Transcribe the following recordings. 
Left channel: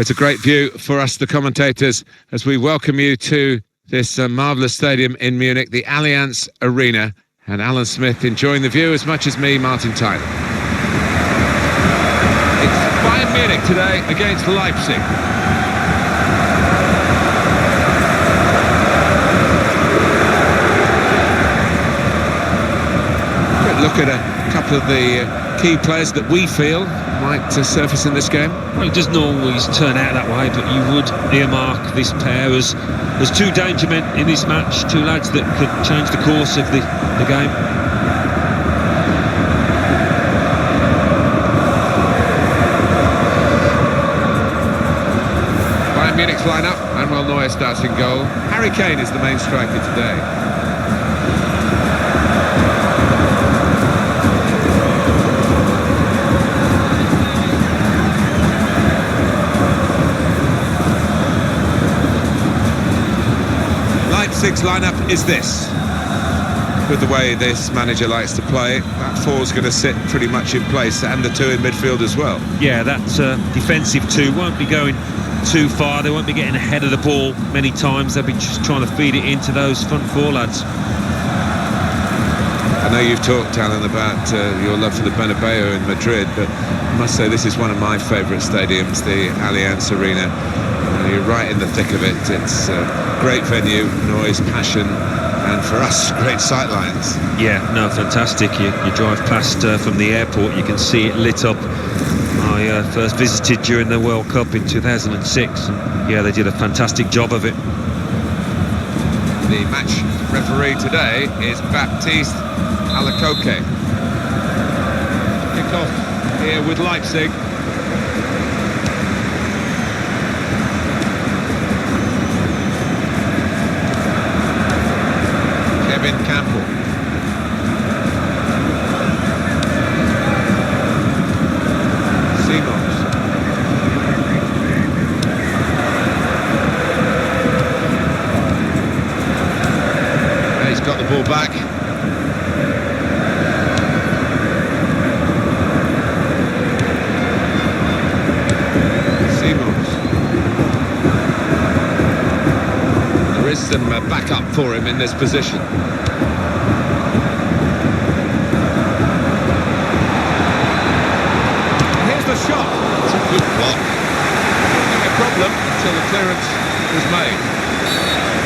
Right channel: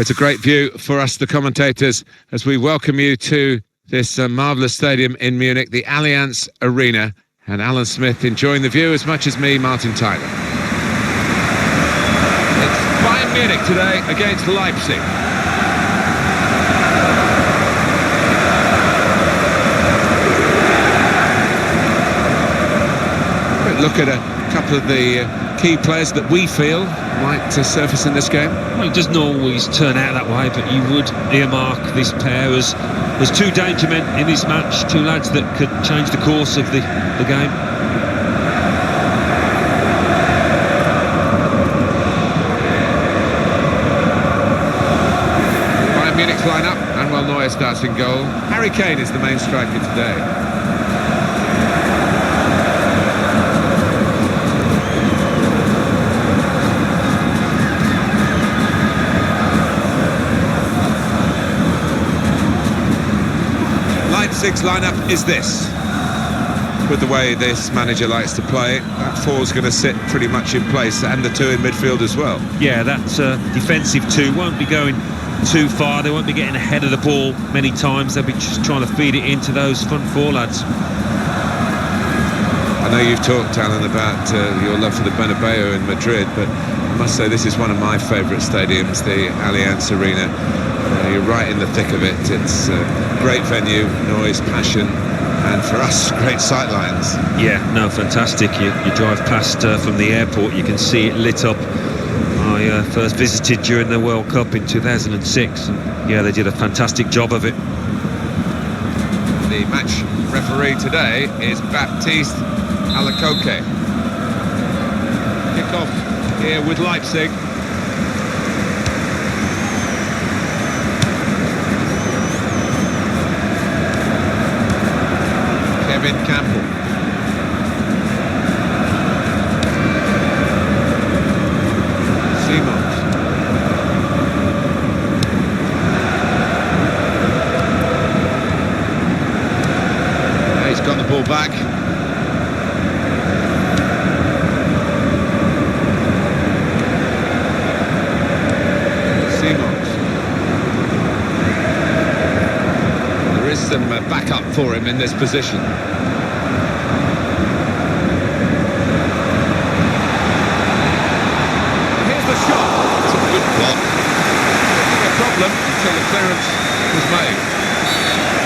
It's a great view for us, the commentators, as we welcome you to this marvellous stadium in Munich, the Allianz Arena. And Alan Smith enjoying the view as much as me, Martin Tyler. It's Bayern Munich today against Leipzig. Quick look at a couple of the key players that we feel might surface in this game. Well, it doesn't always turn out that way, but you would earmark this pair as two danger men in this match, two lads that could change the course of the game. Bayern Munich's line-up. Manuel Neuer starts in goal. Harry Kane is the main striker today. Leipzig's lineup is this. With the way this manager likes to play, that four's going to sit pretty much in place, and the two in midfield as well. Yeah, that defensive two won't be going too far. They won't be getting ahead of the ball many times. They'll be just trying to feed it into those front four lads. I know you've talked, Alan, about your love for the Bernabeu in Madrid, but I must say this is one of my favourite stadiums, the Allianz Arena. You're right in the thick of it. It's a great venue, noise, passion, and for us, great sightlines. Yeah, no, fantastic. You drive past from the airport, you can see it lit up. I first visited during the World Cup in 2006, and yeah, they did a fantastic job of it. The match referee today is Baptiste Alacoque. Kick-off here with Leipzig. Kevin Campbell. Simons. He's got the ball back. Simons. There is some backup for him in this position. The shot. It's a good block. Not a problem until the clearance was made.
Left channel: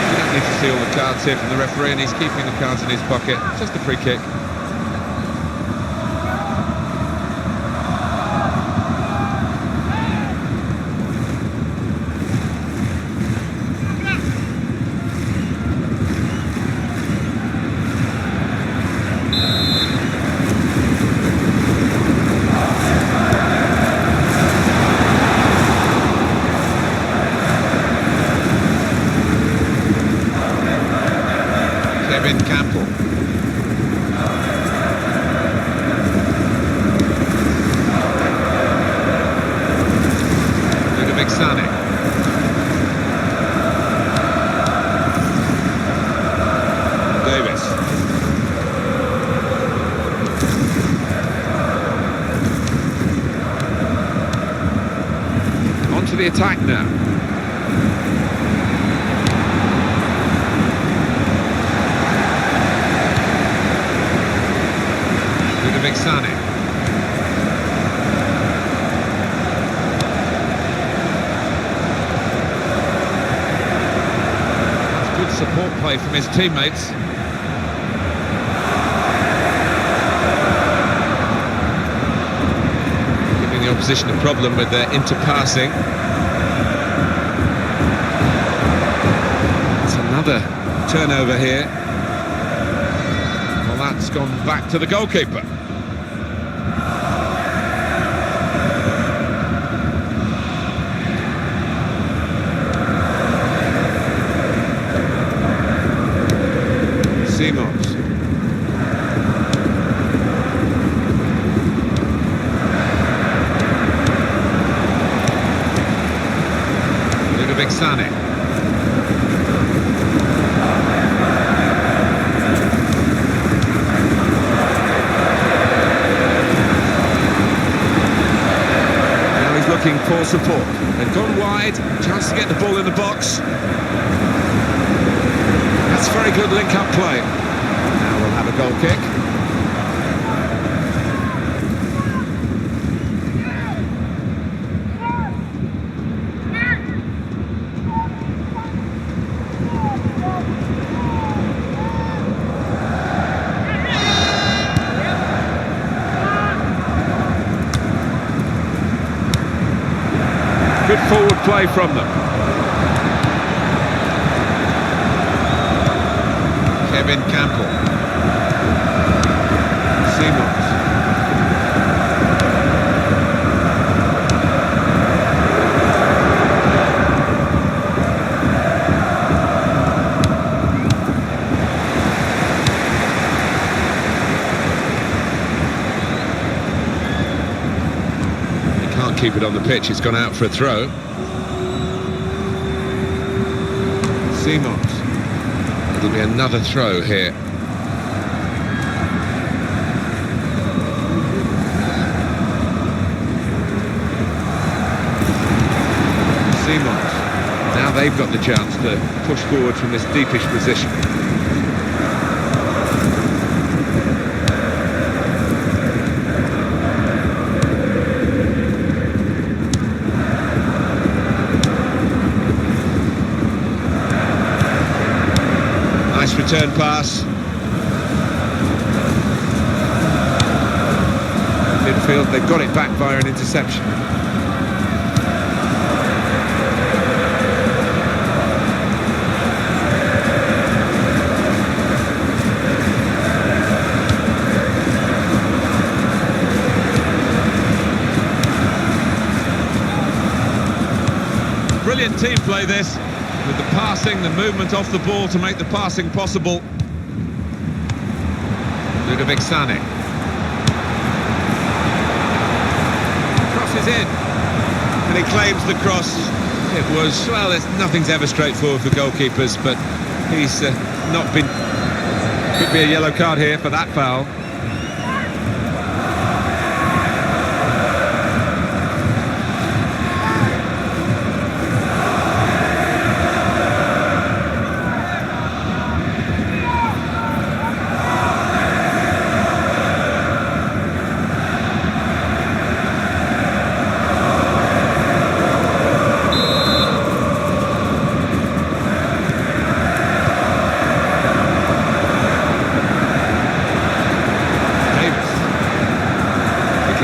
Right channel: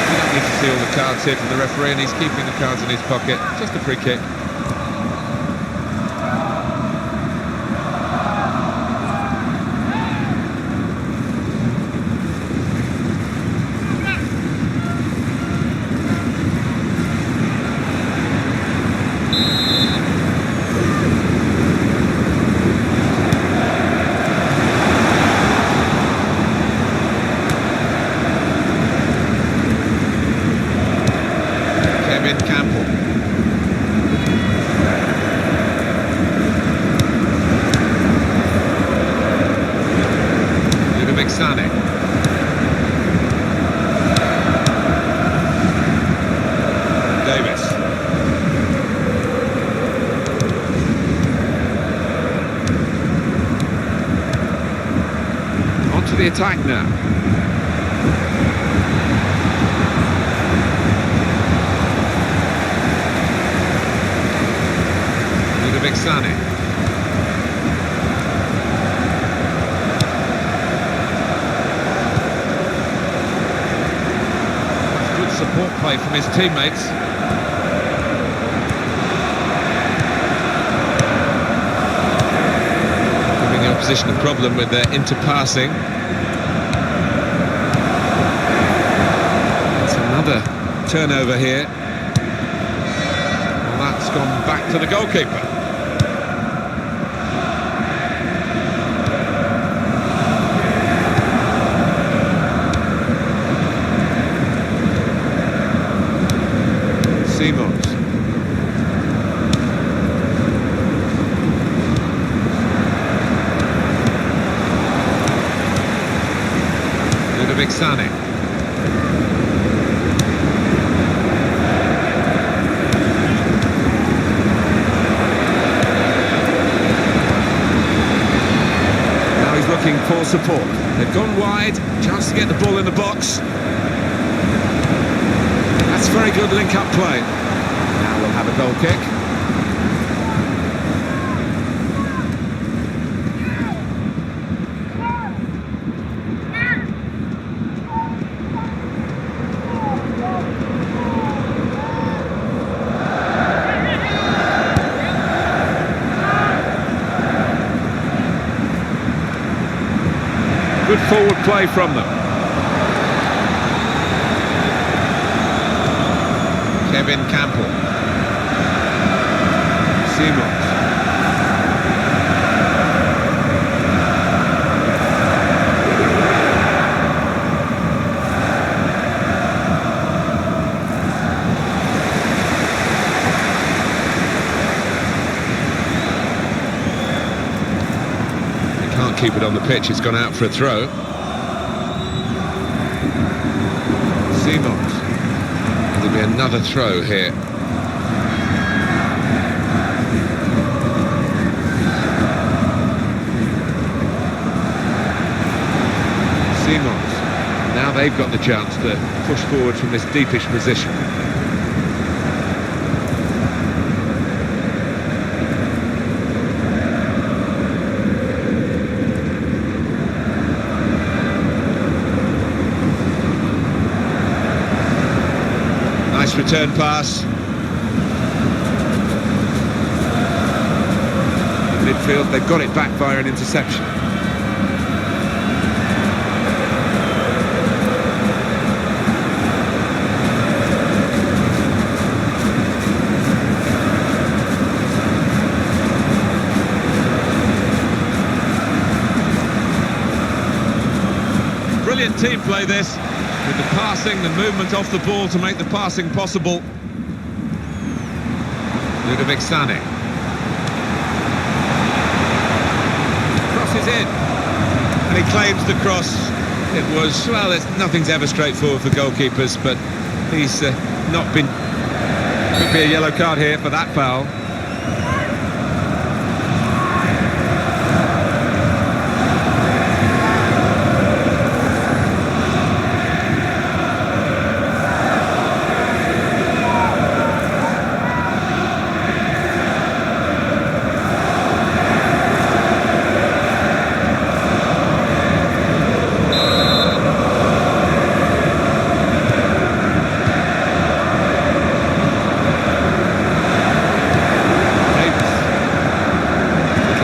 We don't need to see all the cards here from the referee, and he's keeping the cards in his pocket. Just a free kick. Kevin Campbell. Ludovic Sané. Davis. On to the attack now. Ludovic Sané. That's good support play from his teammates. Giving the opposition a problem with their interpassing. It's another turnover here. Well, that's gone back to the goalkeeper. Simons. Ludovic Sané. looking for support. They've gone wide, chance to get the ball in the box. That's very good link-up play. Now we'll have a goal kick. Good forward play from them. Kevin Campbell. Simons. Can't keep it on the pitch, it's gone out for a throw. Simons. It'll be another throw here. Simons. Now they've got the chance to push forward from this deepish position. Nice return pass. In midfield, they've got it back via an interception. Brilliant team play this. With the passing, the movement off the ball to make the passing possible. Ludovic Sané. Crosses in. And he claims the cross. It was, well, nothing's ever straightforward for goalkeepers, but he's not been... Could be a yellow card here for that foul.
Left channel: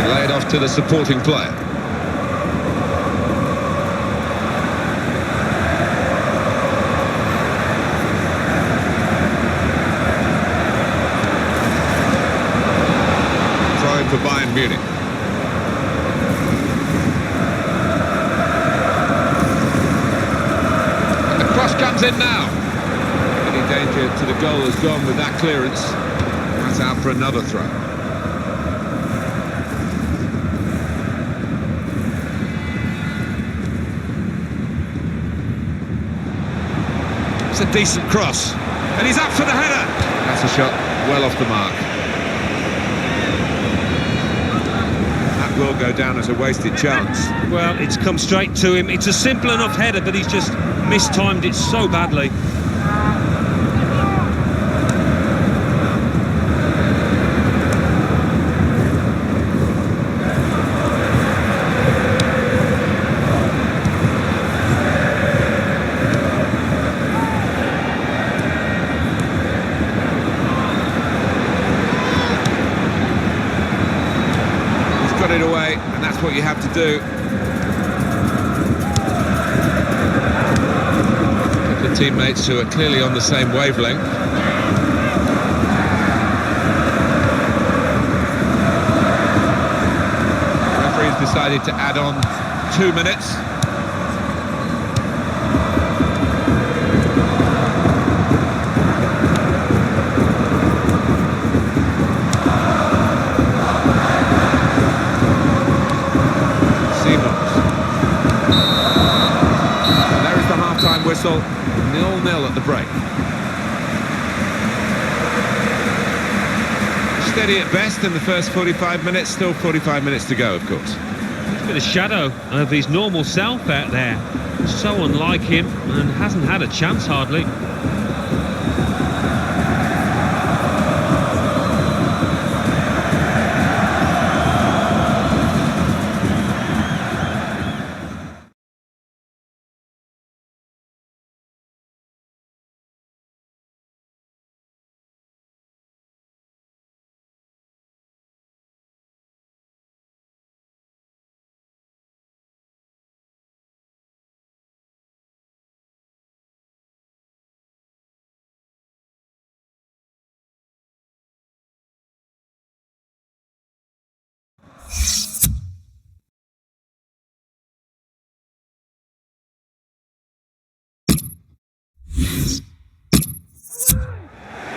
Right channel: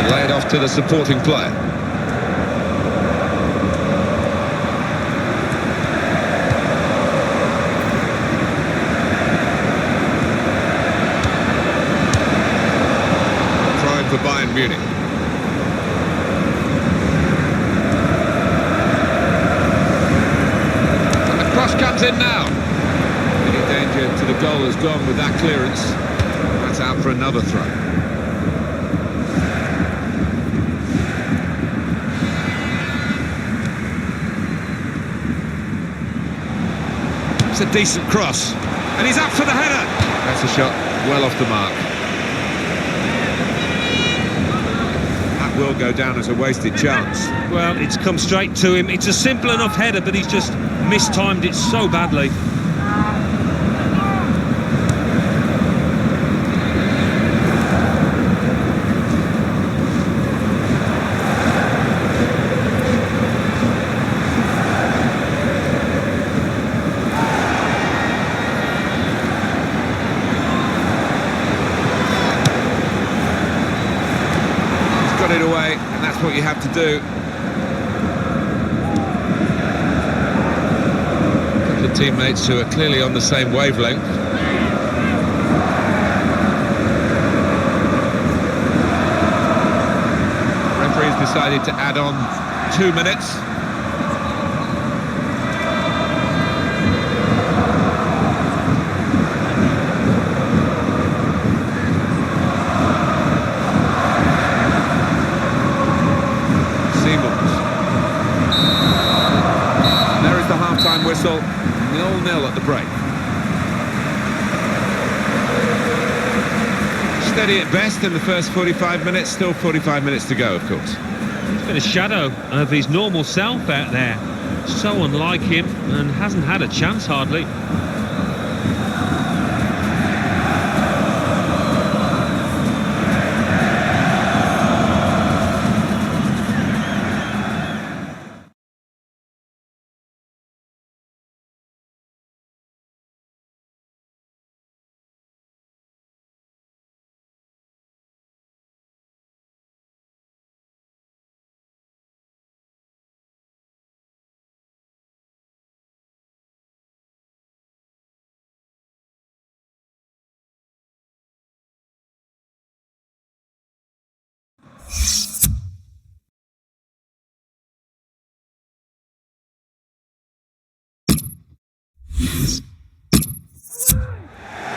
Lay it off to the supporting player. Throw in for Bayern Munich. And the cross comes in now. Any danger to the goal has gone with that clearance. That's out for another throw. A decent cross, and he's up for the header. That's a shot well off the mark. That will go down as a wasted chance. Well, it's come straight to him. It's a simple enough header, but he's just mistimed it so badly. Got it away, and that's what you have to do. A couple of teammates who are clearly on the same wavelength. The referee's decided to add on 2 minutes. Simons. And there is the half-time whistle, 0-0 at the break. Steady at best in the first 45 minutes, still 45 minutes to go, of course. He's been a shadow of his normal self out there. So unlike him, and hasn't had a chance hardly.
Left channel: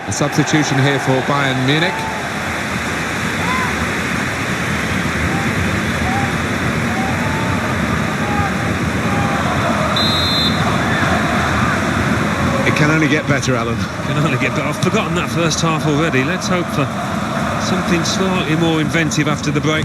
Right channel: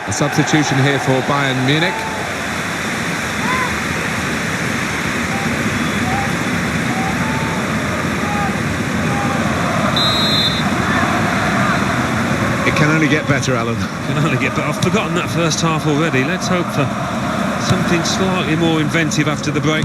A substitution here for Bayern Munich. It can only get better, Alan. Can only get better. I've forgotten that first half already. Let's hope for something slightly more inventive after the break.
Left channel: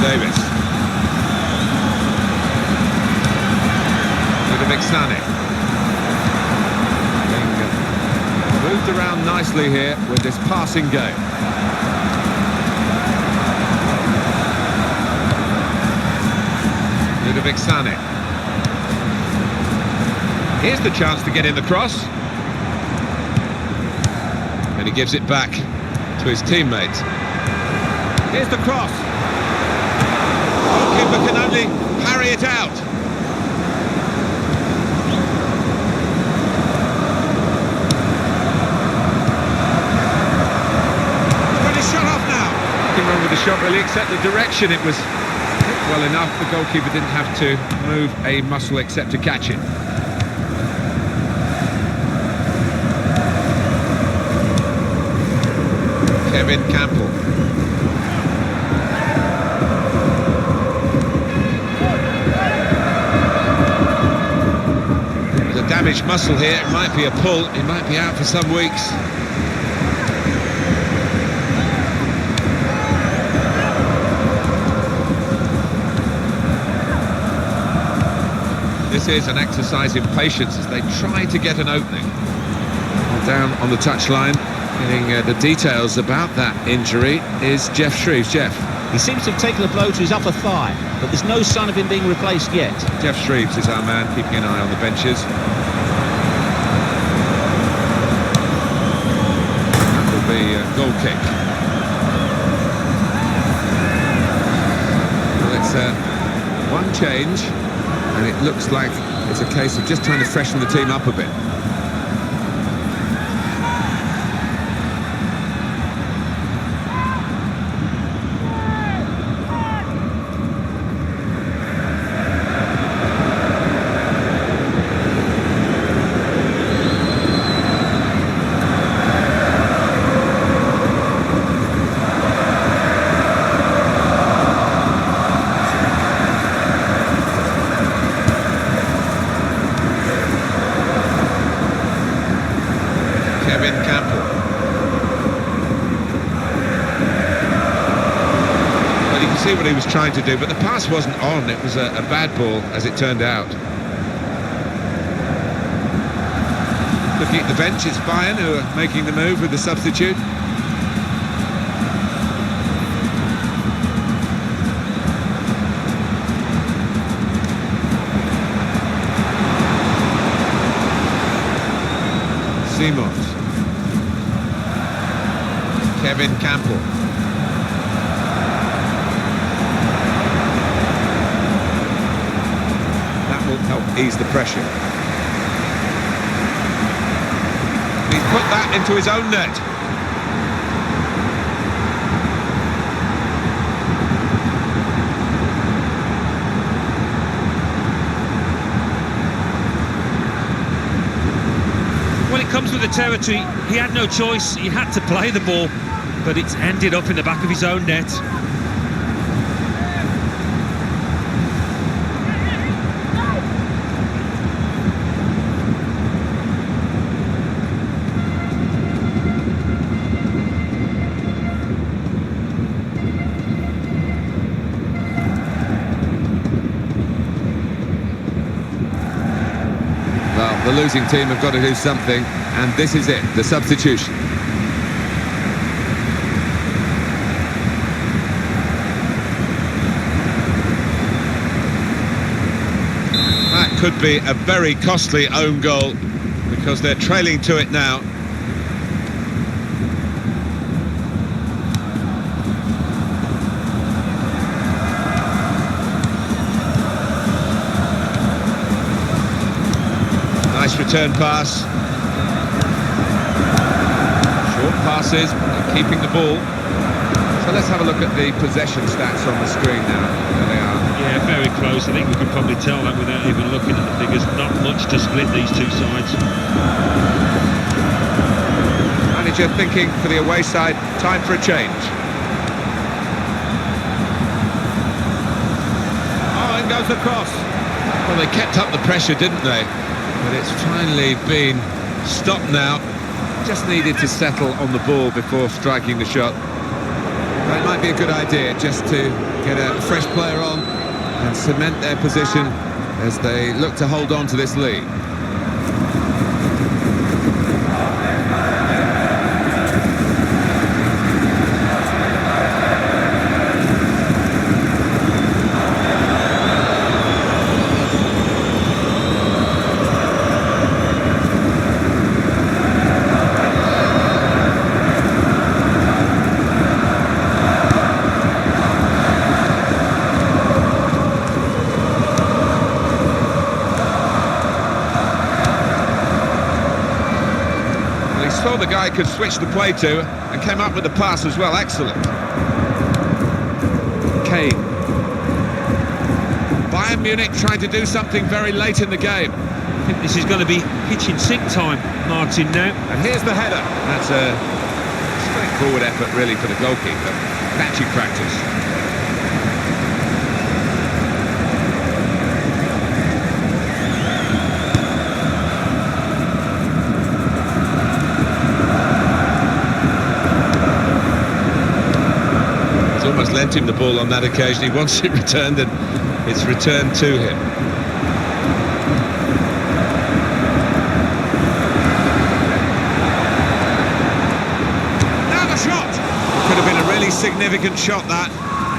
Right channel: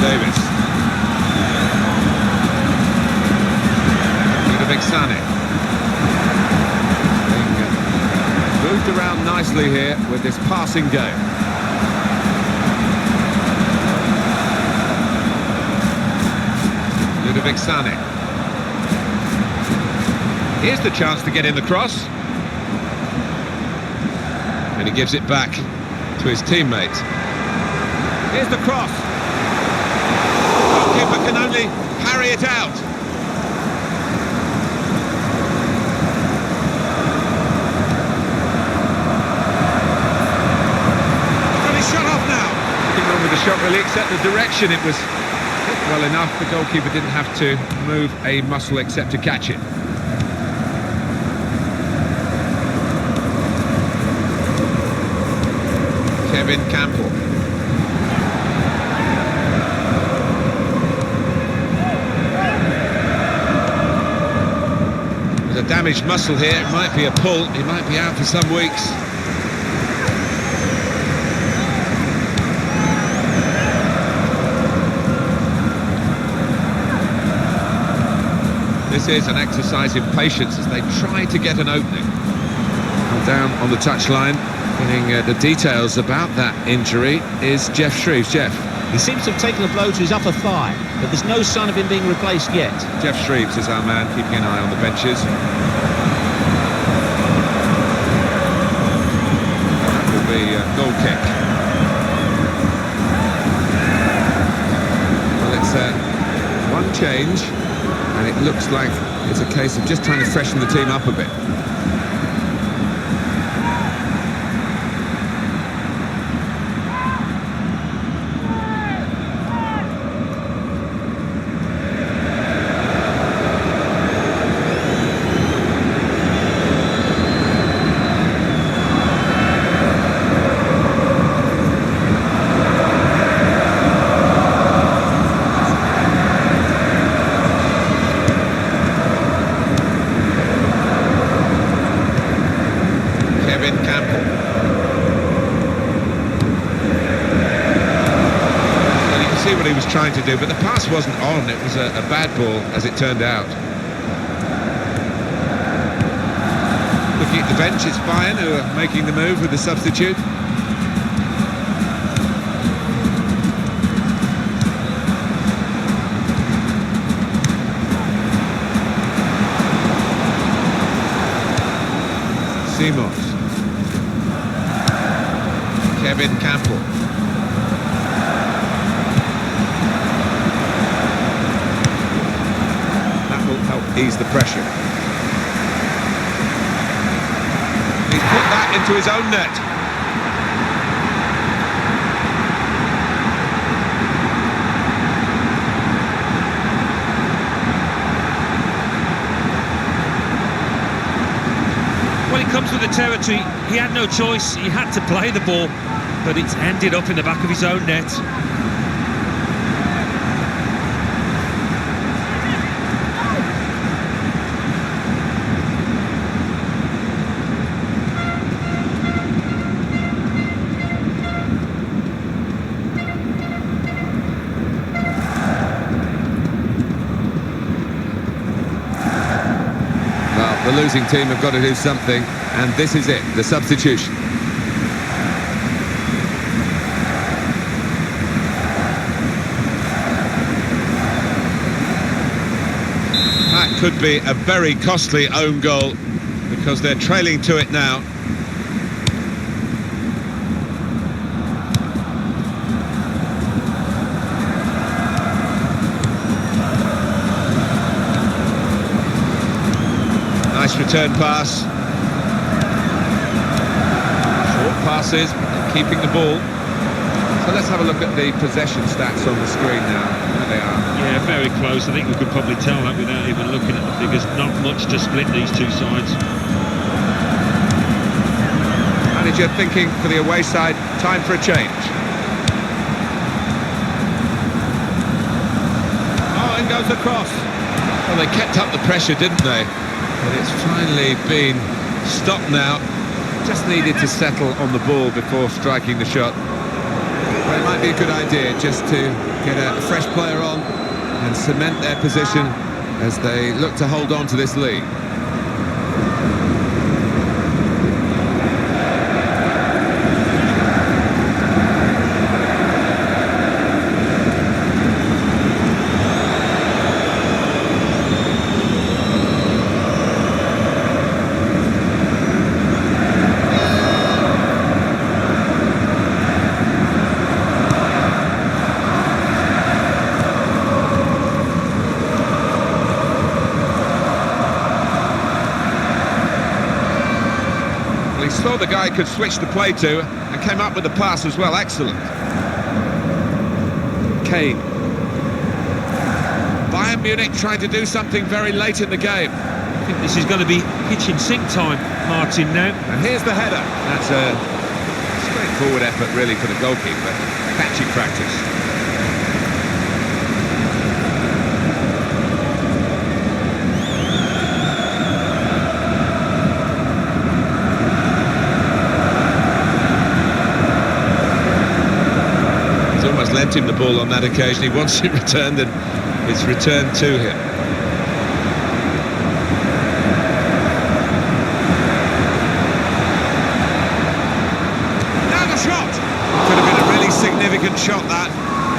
Davis. Ludovic Sané. Being moved around nicely here with this passing game. Ludovic Sané. Here's the chance to get in the cross. And he gives it back to his teammate. Here's the cross. Goalkeeper can only parry it out. He's got his shot off now. Nothing wrong with the shot really, except the direction. It was hit well enough. The goalkeeper didn't have to move a muscle except to catch it. Kevin Campbell. There's a damaged muscle here. It might be a pull. He might be out for some weeks. This is an exercise in patience as they try to get an opening. Well, down on the touchline, getting the details about that injury is Jeff Shreves. Jeff. He seems to have taken a blow to his upper thigh, but there's no sign of him being replaced yet. Jeff Shreves is our man, keeping an eye on the benches. That will be a goal kick. Well, it's one change, and it looks like it's a case of just trying to freshen the team up a bit. Kevin Campbell. Well, you can see what he was trying to do, but the pass wasn't on. It was a bad ball, as it turned out. Looking at the bench, it's Bayern who are making the move with the substitute. Simons. Kevin Campbell. That will help ease the pressure. He's put that into his own net. Well, it comes with the territory. He had no choice. He had to play the ball, but it's ended up in the back of his own net. losing team have got to do something, and this is it, the substitution. That could be a very costly own goal, because they're trailing to it now. Nice return pass. Short passes, they're keeping the ball. So let's have a look at the possession stats on the screen now. There they are. Yeah, very close. I think we could probably tell that without even looking at the figures. Not much to split these two sides. Manager thinking for the away side, time for a change. Oh, in goes the cross. Well, they kept up the pressure, didn't they? But it's finally been stopped now. Just needed to settle on the ball before striking the shot. But it might be a good idea just to get a fresh player on and cement their position as they look to hold on to this lead. He saw the guy could switch the play to and came up with the pass as well. Excellent. Kane. Bayern Munich trying to do something very late in the game. I think this is going to be kitchen sink time, Martin, now. And here's the header. That's a straightforward effort really for the goalkeeper. Patchy practice. Almost lent him the ball on that occasion. He wants it returned, and it's returned to him. Now the shot! It could have been a really significant shot, that.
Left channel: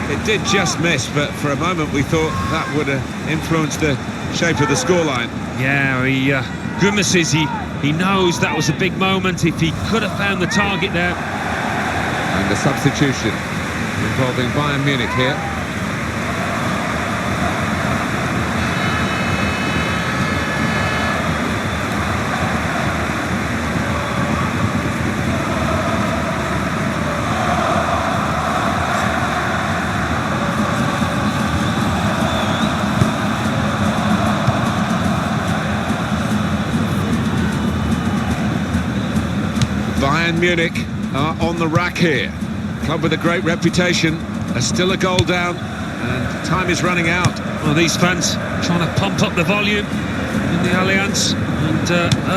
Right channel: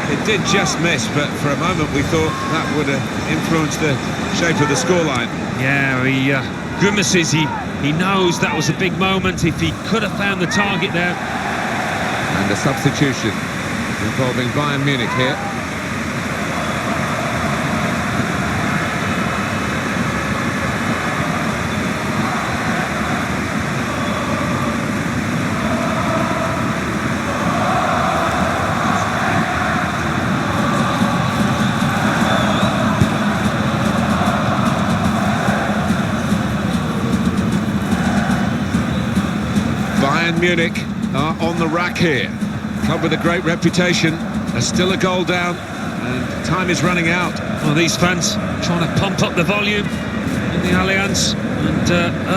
It did just miss, but for a moment we thought that would have influenced the shape of the scoreline. Yeah, he grimaces. He knows that was a big moment. If he could have found the target there. And a substitution involving Bayern Munich here. Bayern Munich are on the rack here. Club with a great reputation, are still a goal down, and time is running out. Well, these fans trying to pump up the volume in the Allianz and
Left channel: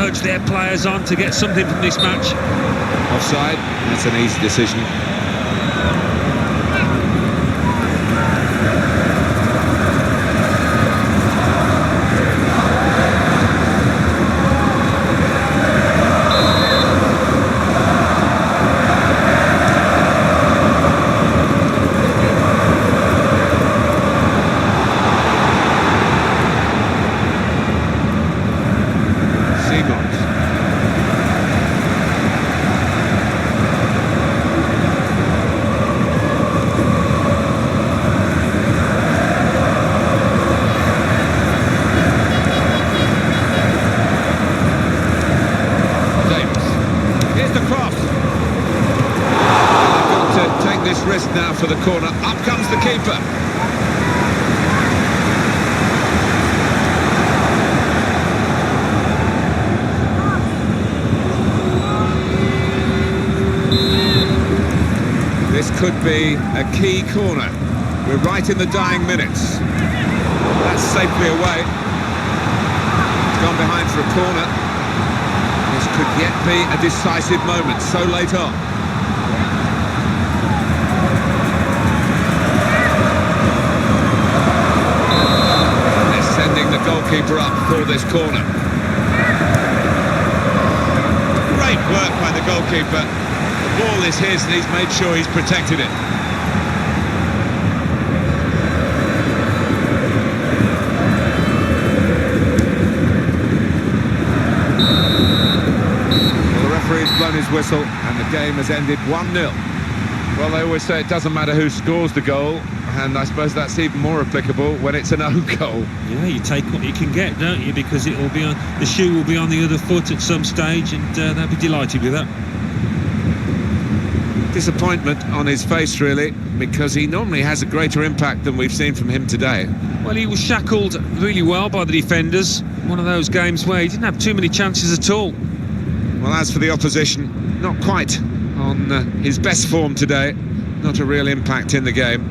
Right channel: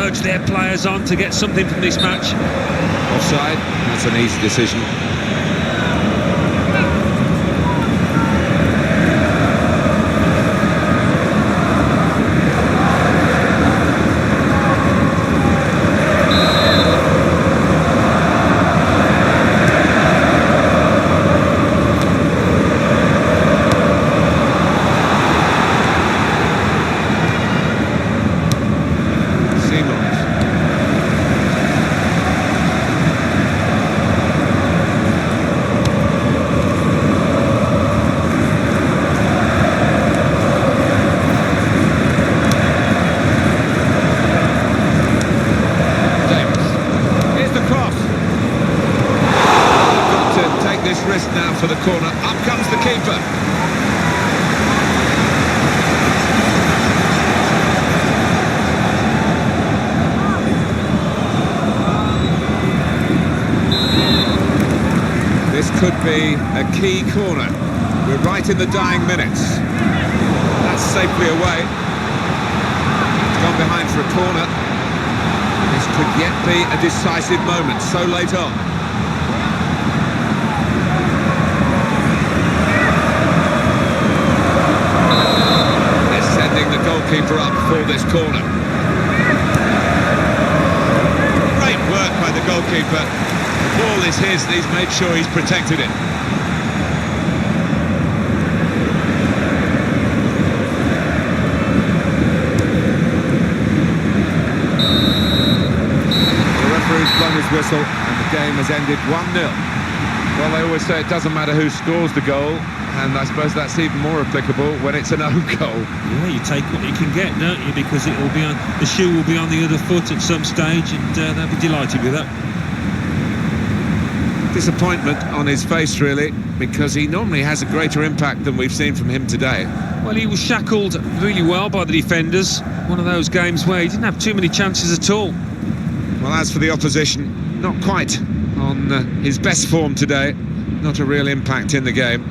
urge their players on to get something from this match. Offside, that's an easy decision. This risk now for the corner. Up comes the keeper. This could be a key corner. We're right in the dying minutes. That's safely away. It's gone behind for a corner. This could yet be a decisive moment so late on. Sending the goalkeeper up for this corner. work by the goalkeeper. The ball is his and he's made sure he's protected it. Well, the referee's blown his whistle and the game has ended 1-0. Well, they always say it doesn't matter who scores the goal, and I suppose that's even more applicable when it's an own goal. Yeah, you take what you can get, don't you? Because it will be on, the shoe will be on the other foot at some stage, and they'll be delighted with that. Disappointment on his face, really, because he normally has a greater impact than we've seen from him today. Well, he was shackled really well by the defenders. One of those games where he didn't have too many chances at all. Well, as for the opposition, not quite on his best form today. Not a real impact in the game.